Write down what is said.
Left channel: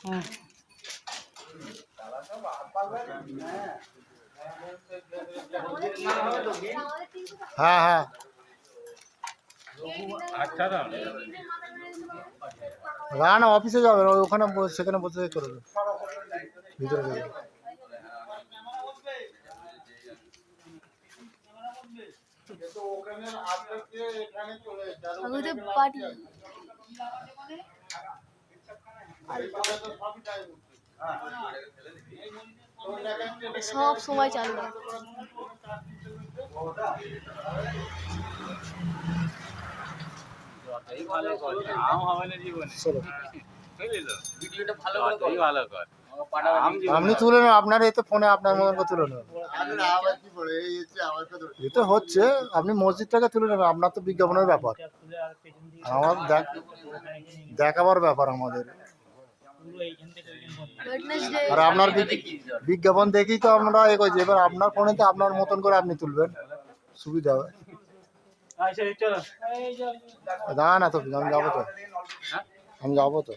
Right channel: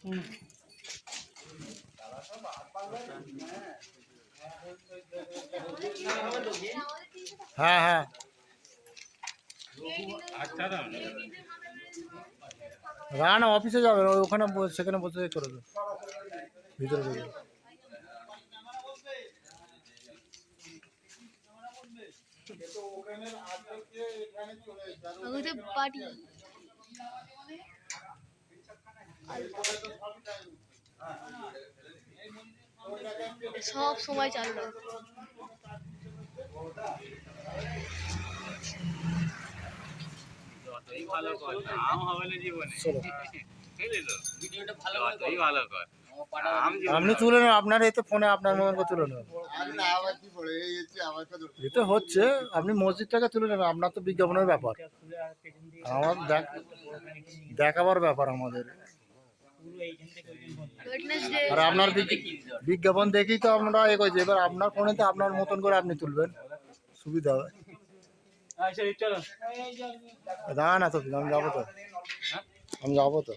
হুম। হ্যাঁ হ্যাঁ না না অফিসে যাবেন ওখানে সেখানে বসে করে দেবেন ভিতরে যাবেন। পার্টি সব সময় চালু রাখতে যতই ভালো কর নাম হবে না জীবনে বুঝলি ভিডিওটা ভালো করে যতই ভালো কর নাম জীবনে আপনি তুলে নেন আপনার এতে ফোনে আপনার মতন করে তুলে নেন এ তো হচ্ছে আপনি মসজিদটাকে তুলে নেবেন আপনার তো বিজ্ঞাপনের ব্যাপার আমার দেখাবার ব্যাপার আমাদের আর আপনার বিজ্ঞাপন দেখেই তো আপনারা এ করছে এবার আপনার ফোনে তো আপনার মতন করে আপনি তুলবেন সুবিধা হবে না না তো আমি যাবো তো আমি যাবো তো